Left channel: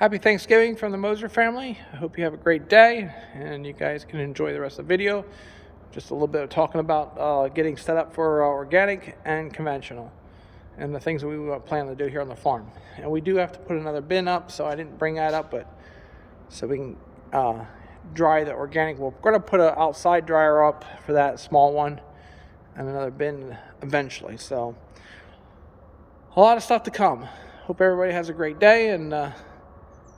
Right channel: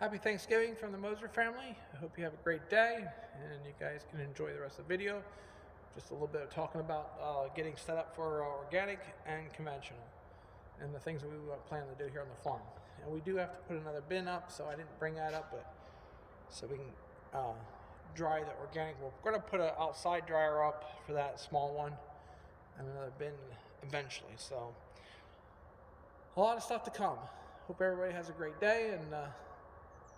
Happy Thanksgiving from the Moser family. I hope you have a great day and you guys can enjoy the rest of the video. Just a little bit of talking about getting set up for organic and conventional and the things that we plan to do here on the farm. And we do have to put another bin up, so I didn't bring that up, but so we can dry the organic. We're going to put an outside dryer up for that small one and another bin eventually. So a lot of stuff to come. Hope everybody has a great day, and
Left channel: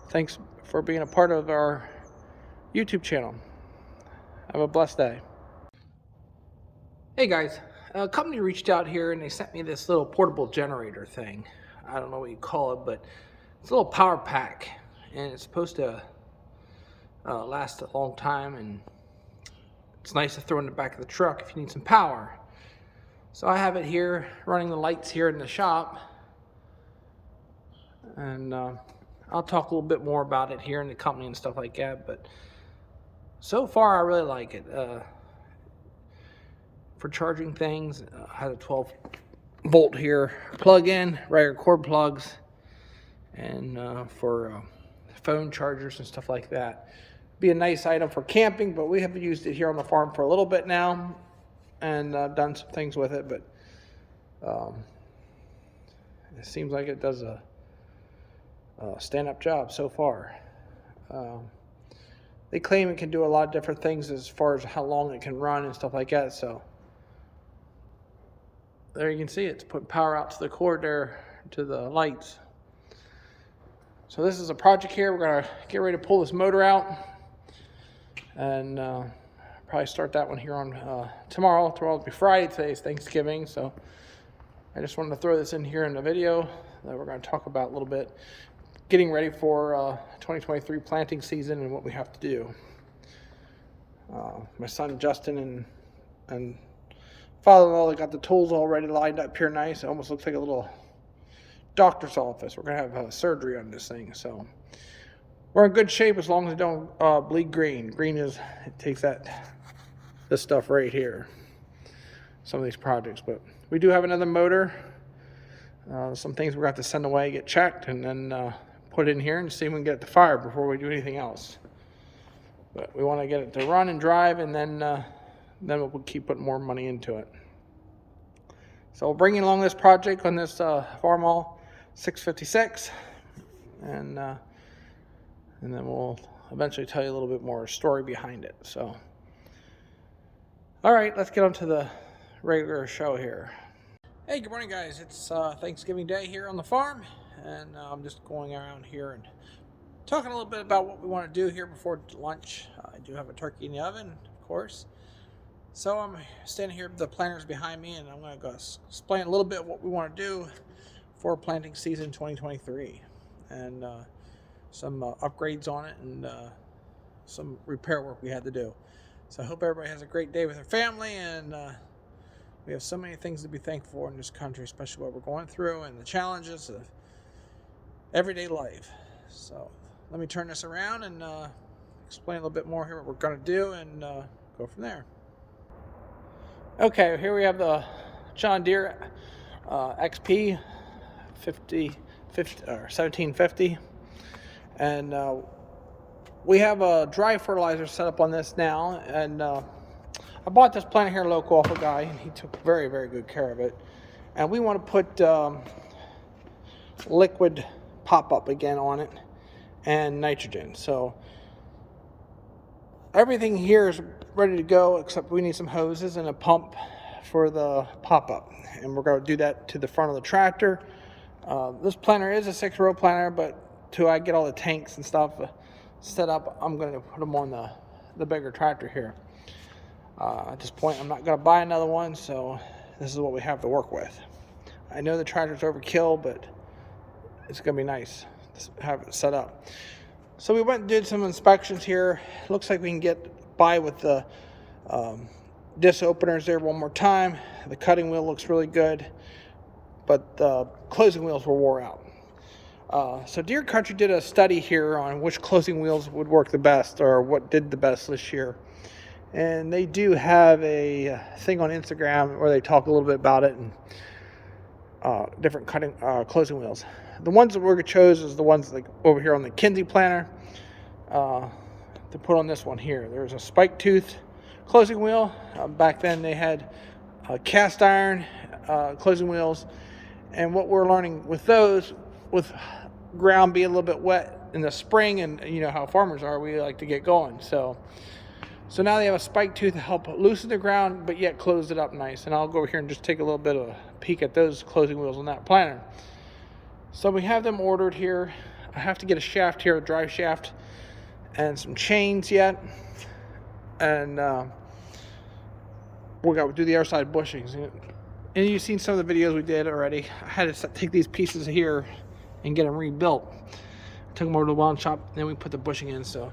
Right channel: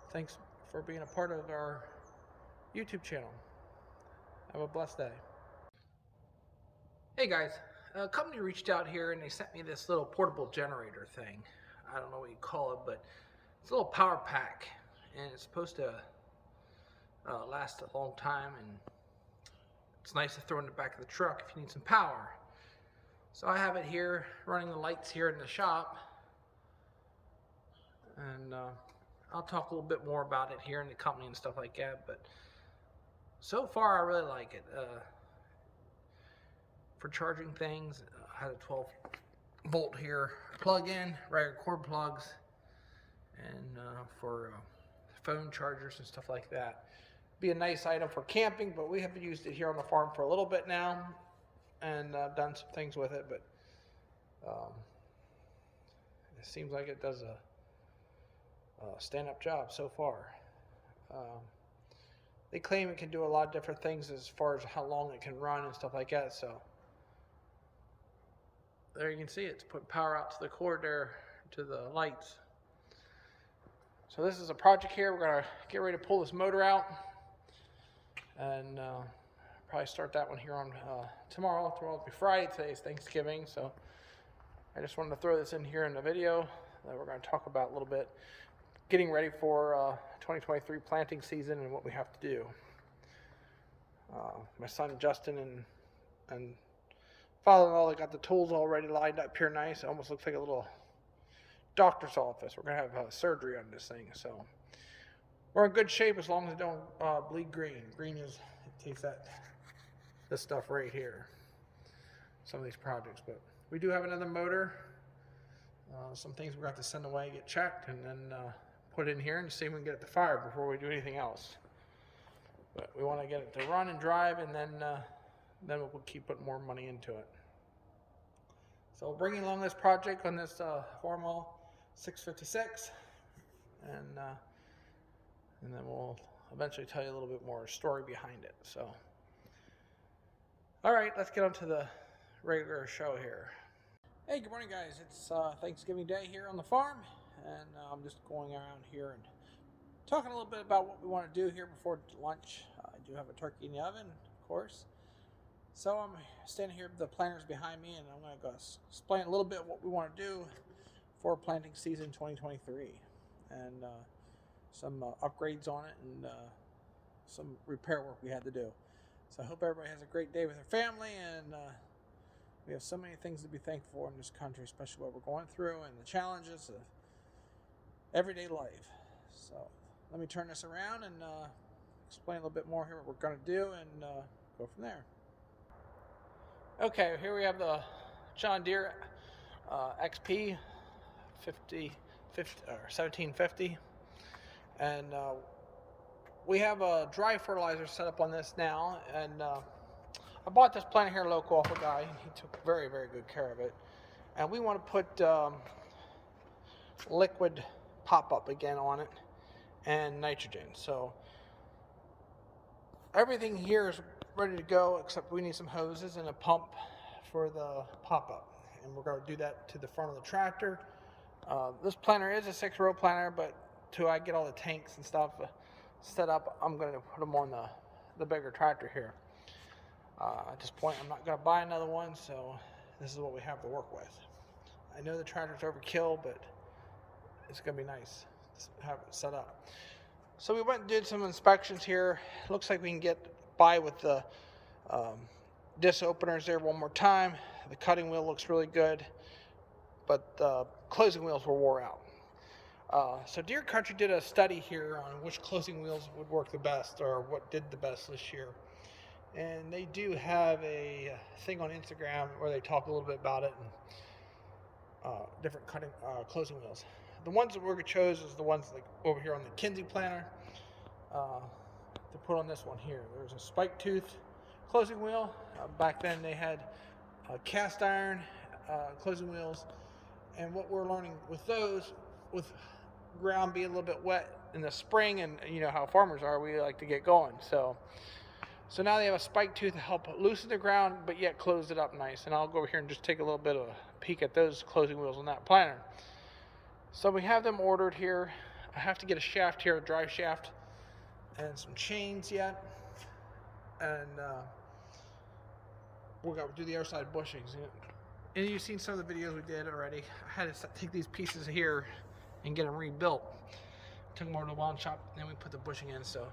thanks for being a part of our YouTube channel. Have a blessed day. Hey guys, a company reached out here and they sent me this little portable generator thing. I don't know what you call it, but it's a little power pack, and it's supposed to last a long time, and it's nice to throw in the back of the truck if you need some power. So I have it here running the lights here in the shop, and I'll talk a little bit more about it here in the company and stuff like that, but so far I really like it. For charging things, I have a 12 volt here plug-in, regular cord plugs, and for phone chargers and stuff like that. Be a nice item for camping, but we have used it here on the farm for a little bit now, and done some things with it, but it seems like it does a stand-up job so far. They claim it can do a lot of different things as far as how long it can run and stuff like that, so there you can see it's put power out to the cord there to the lights. So this is a project here. We're gonna get ready to pull this motor out, and probably start that one here on tomorrow. Tomorrow will be Friday. Today's Thanksgiving, so I just wanted to throw this in here in the video that we're going to talk about a little bit, getting ready for 2023 planting season and what we have to do. My son Justin and father-in-law, they got the tools already lined up here nice. It almost looks like a little doctor's office. We're going to have surgery on this thing, so we're in good shape as long as it don't bleed green. Green is, it takes this stuff right here, some of these projects. But we do have another motor. Some things we're going to have to send away, get checked, and then put in here and see if we can get it to fire before we do anything else. But we want to get it to run and drive, and then we'll keep putting more money into it. So we'll bring you along this project on this Farmall 656, and then we'll eventually tell you a little bit more story behind it. So, all right, let's get on to the regular show here. Hey, good morning, guys. It's Thanksgiving Day here on the farm, and I'm just going around here and talking a little bit about what we want to do here before lunch. I do have a turkey in the oven, of course. So I'm standing here, the planters behind me, and I'm going to go explain a little bit what we want to do for planting season 2023, and some upgrades on it, and some repair work we had to do. So I hope everybody has a great day with their family, and we have so many things to be thankful for in this country, especially what we're going through and the challenges of everyday life. So let me turn this around and explain a little bit more here what we're going to do, and go from there. Okay, here we have the John Deere XP 1750, and we have a dry fertilizer set up on this now, and I bought this planter here local off a guy, and he took very, very good care of it. And we want to put liquid pop-up again on it and nitrogen. So everything here is ready to go, except we need some hoses and a pump for the pop-up, and we're going to do that to the front of the tractor. This planter is a 6-row planter, but till I get all the tanks and stuff set up, I'm going to put them on the bigger tractor here. At this point, I'm not going to buy another one, so this is what we have to work with. I know the tractor's overkill, but it's going to be nice to have it set up. So we went and did some inspections here. Looks like we can get by with the disc openers there one more time. The cutting wheel looks really good, but the closing wheels were wore out. So Deere Country did a study here on which closing wheels would work the best, or what did the best this year. And they do have a thing on Instagram where they talk a little bit about it. And different closing wheels. The ones that we're gonna chose is the ones like over here on the Kinsey planner to put on this one here. There's a spike tooth closing wheel. Back then they had cast iron closing wheels, and what we're learning with those, with ground being a little bit wet in the spring, and you know how farmers are, we like to get going. So now they have a spike tooth to help loosen the ground, but yet close it up nice. And I'll go over here and just take a little bit of a peek at those closing wheels on that planter. So we have them ordered here. I have to get a shaft here, a drive shaft, and some chains yet. And we're going to do the other side bushings. And you've seen some of the videos we did already. I had to take these pieces here and get them rebuilt. Took them over to the weld shop, then we put the bushing in. So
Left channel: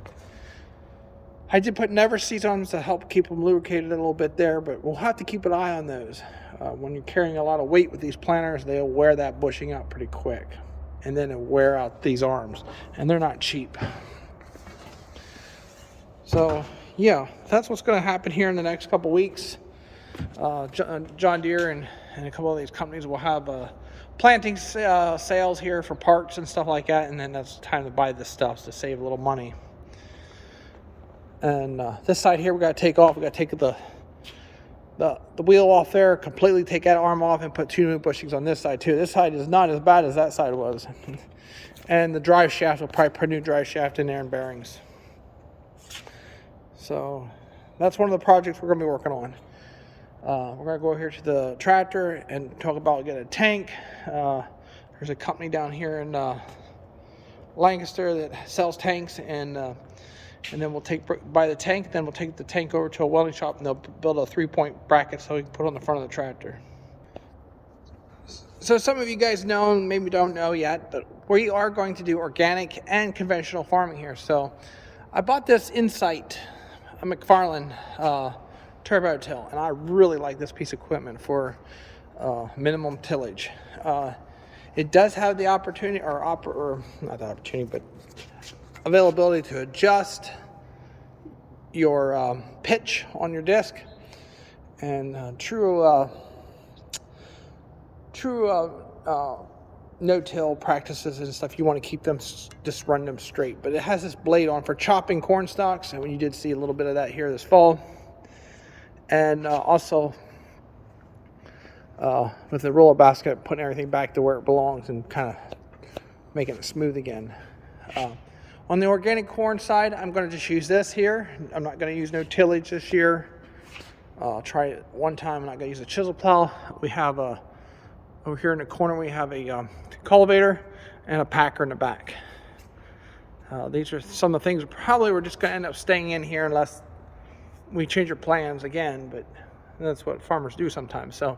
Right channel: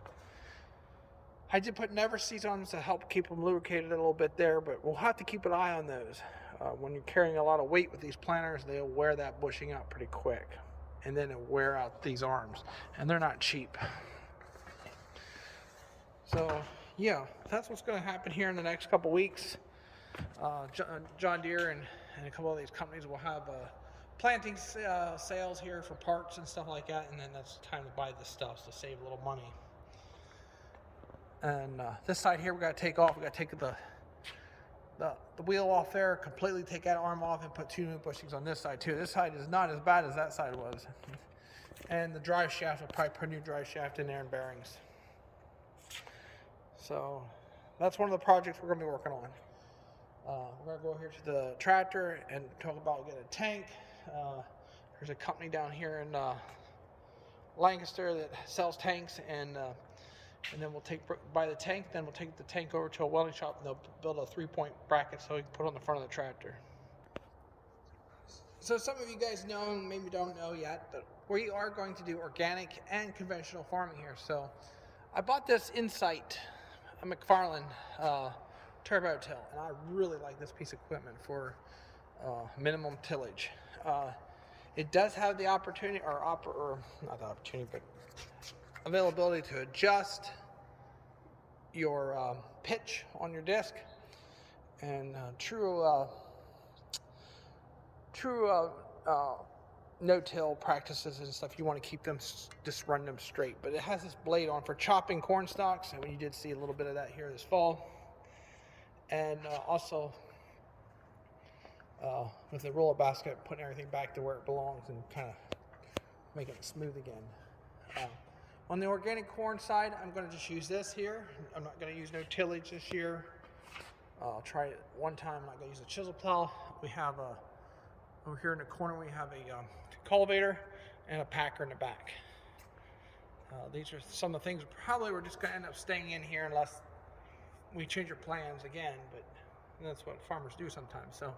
I did put never seats on them to help keep them lubricated a little bit there, but we'll have to keep an eye on those. When you're carrying a lot of weight with these planters, they'll wear that bushing out pretty quick, and then it'll wear out these arms, and they're not cheap. So yeah, that's what's going to happen here in the next couple weeks. John Deere and a couple of these companies will have planting sales here for parks and stuff like that, and then that's the time to buy this stuff to save a little money. And this side here we got to take off. We got to take the wheel off there, completely take that arm off, and put 2 new bushings on this side too. This side is not as bad as that side was. And the drive shaft, will probably put a new drive shaft in there and bearings. So that's one of the projects we're going to be working on. We're going to go here to the tractor and talk about getting a tank. There's a company down here in Lancaster that sells tanks, and then we'll buy the tank. Then we'll take the tank over to a welding shop, and they'll build a 3-point bracket so we can put on the front of the tractor. So some of you guys know, and maybe don't know yet, but we are going to do organic and conventional farming here. So I bought this Insight, a McFarlane turbo till, and I really like this piece of equipment for minimum tillage. It does have the opportunity, or not the opportunity, but availability to adjust your pitch on your disc, and true no-till practices and stuff, you want to keep them, just run them straight. But it has this blade on for chopping corn stalks, and you did see a little bit of that here this fall. And also with the roller basket, putting everything back to where it belongs and kind of making it smooth again. On the organic corn side, I'm going to just use this here. I'm not going to use no tillage this year. I'll try it one time. I'm not going to use a chisel plow. We have over here in the corner, we have a cultivator and a packer in the back. These are some of the things probably we're just going to end up staying in here unless we change our plans again, but that's what farmers do sometimes. So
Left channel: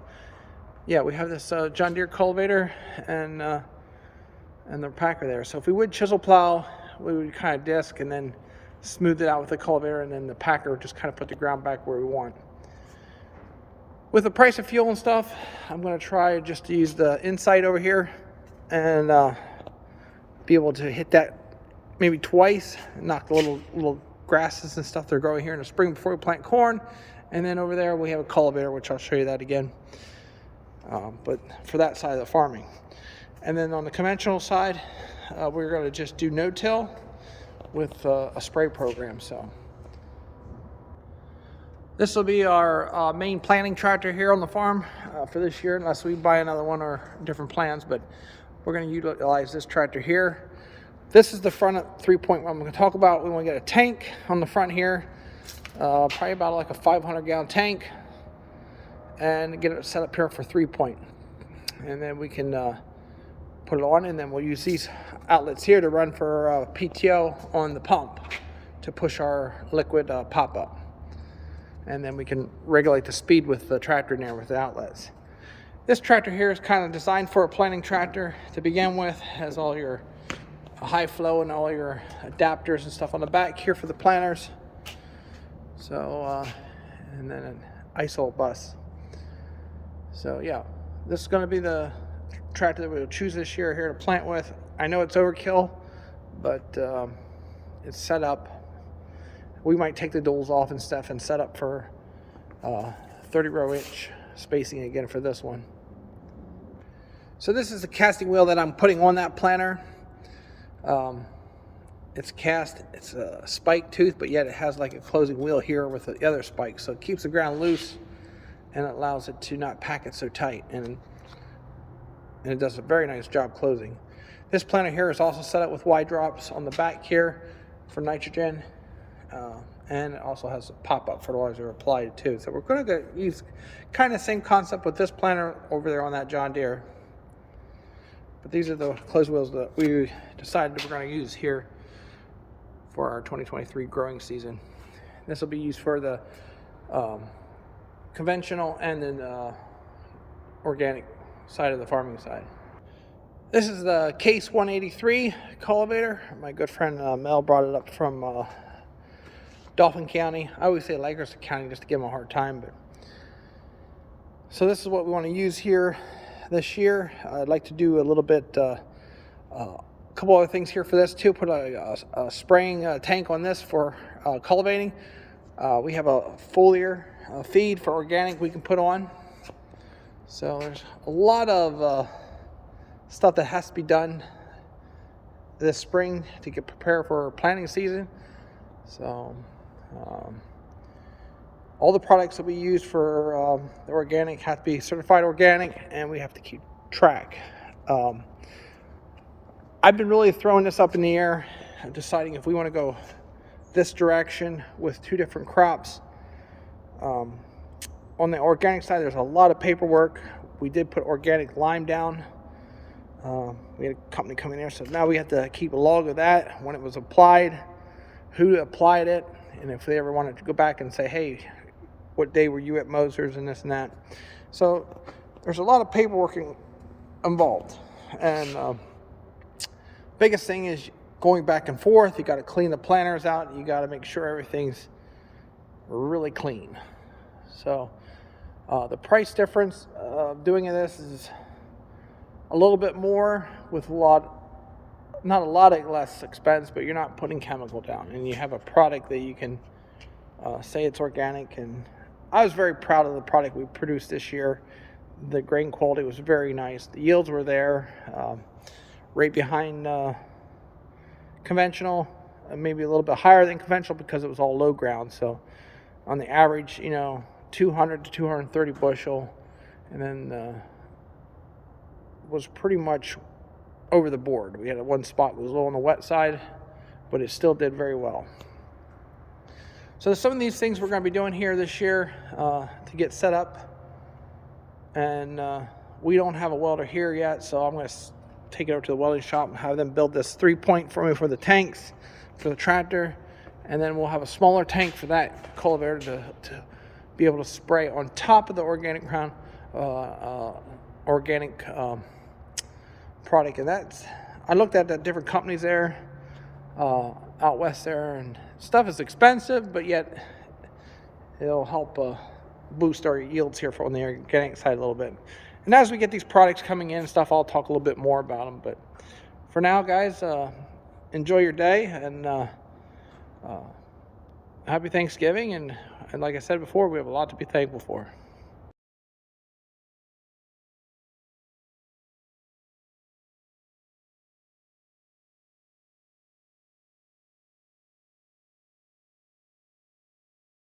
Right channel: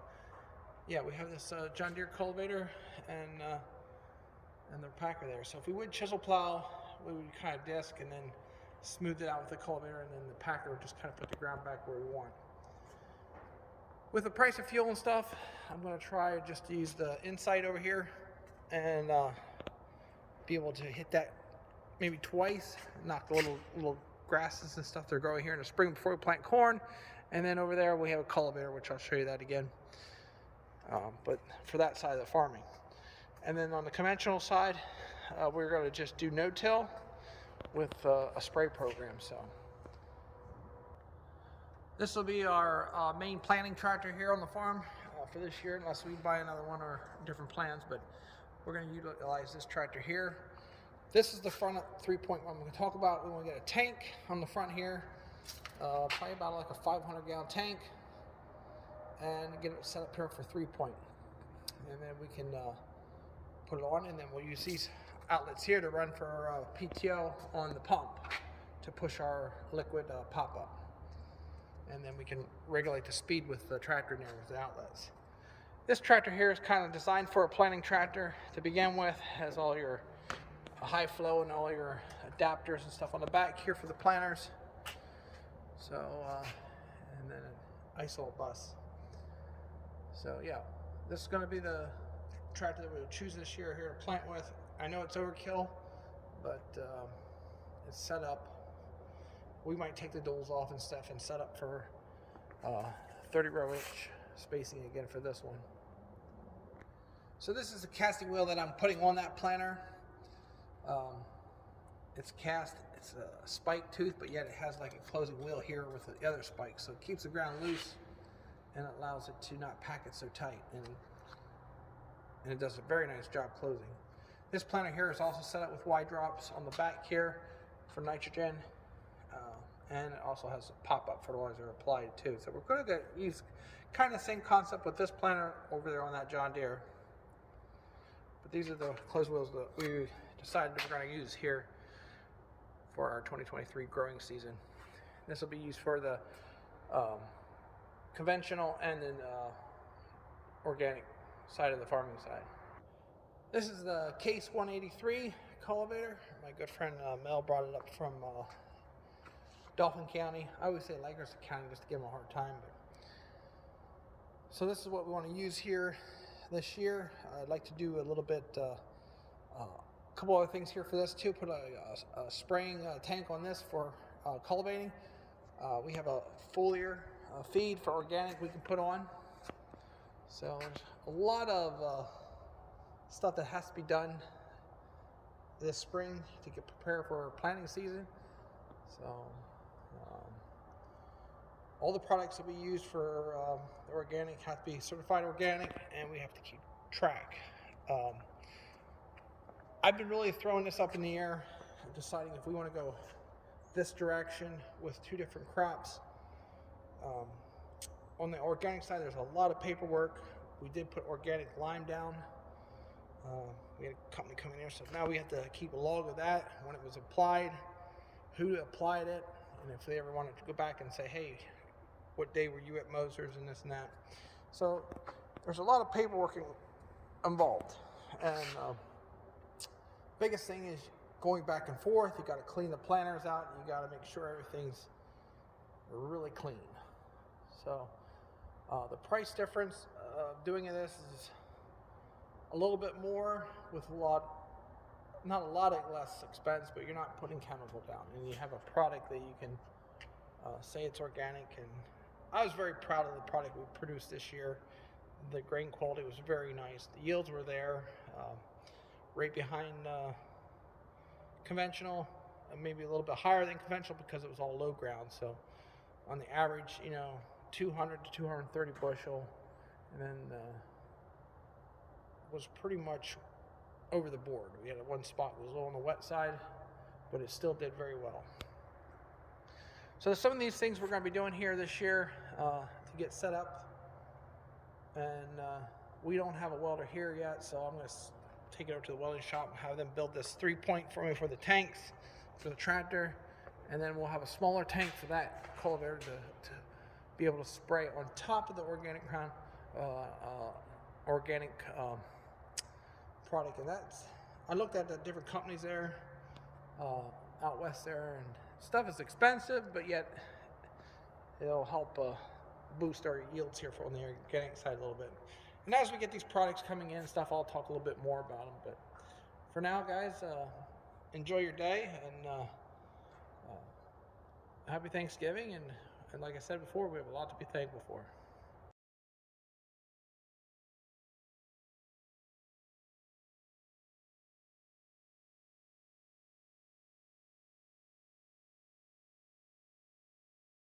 yeah, we have this John Deere cultivator and the packer there. So if we would chisel plow, we would kind of disc and then smooth it out with the cultivator, and then the packer would just kind of put the ground back where we want. With the price of fuel and stuff, I'm going to try just to use the Insight over here and be able to hit that maybe twice and knock the little grasses and stuff that are growing here in the spring before we plant corn. And then over there we have a cultivator, which I'll show you that again, but for that side of the farming. And then on the conventional side, we're going to just do no-till with a spray program. So this will be our main planting tractor here on the farm for this year, unless we buy another one or different plans. But we're going to utilize this tractor here. This is the front 3-point I'm going to talk about. We want to get a tank on the front here, probably about like a 500-gallon tank, and get it set up here for 3-point. And then we can put it on, and then we'll use these outlets here to run for PTO on the pump to push our liquid pop up. And then we can regulate the speed with the tractor in there with the outlets. This tractor here is kind of designed for a planting tractor to begin with. It has all your high flow and all your adapters and stuff on the back here for the planters. So and then an ISO bus. So yeah, this is going to be the tractor that we'll choose this year here to plant with. I know it's overkill, but it's set up. We might take the duals off and stuff and set up for 30 row inch spacing again for this one. So this is the casting wheel that I'm putting on that planter. It's cast, it's a spike tooth, but yet it has like a closing wheel here with the other spikes. So it keeps the ground loose and it allows it to not pack it so tight. And it does a very nice job closing. This planter here is also set up with Y drops on the back here for nitrogen. And it also has a pop-up fertilizer applied too. So we're going to use kind of same concept with this planter over there on that John Deere. But these are the closed wheels that we decided we're going to use here for our 2023 growing season. This will be used for the conventional and then organic side of the farming side. This is the Case 183 cultivator. My good friend Mel brought it up from Dauphin County. I always say Lancaster County just to give them a hard time. But so this is what we want to use here this year. I'd like to do a little bit, a couple other things here for this too. Put a spraying tank on this for cultivating. We have a foliar feed for organic we can put on. So there's a lot of stuff that has to be done this spring to get prepared for planting season. So all the products that we use for the organic have to be certified organic, and we have to keep track. I've been really throwing this up in the air, deciding if we want to go this direction with two different crops. On the organic side, there's a lot of paperwork. We did put organic lime down. We had a company come in there, so now we have to keep a log of that, when it was applied, who applied it, and if they ever wanted to go back and say, hey, what day were you at Mosers and this and that. So there's a lot of paperwork involved. And biggest thing is going back and forth. You got to clean the planters out. You got to make sure everything's really clean. So the price difference of doing this is a little bit more with not a lot of less expense, but you're not putting chemical down, and you have a product that you can say it's organic. And I was very proud of the product we produced this year. The grain quality was very nice. The yields were there, right behind conventional, maybe a little bit higher than conventional because it was all low ground. So on the average, 200 to 230 bushel, and then was pretty much over the board. We had one spot that was a little on the wet side, but it still did very well. So some of these things we're going to be doing here this year to get set up. And we don't have a welder here yet, so I'm going to take it over to the welding shop and have them build this 3-point for me for the tanks, for the tractor. And then we'll have a smaller tank for that cultivator to be able to spray on top of the organic ground, organic product. And I looked at the different companies there out west there, and stuff is expensive, but yet it'll help boost our yields here on the organic side a little bit. And as we get these products coming in and stuff, I'll talk a little bit more about them. But for now, guys, enjoy your day, and happy Thanksgiving. And like I said before, we have a lot to be thankful for.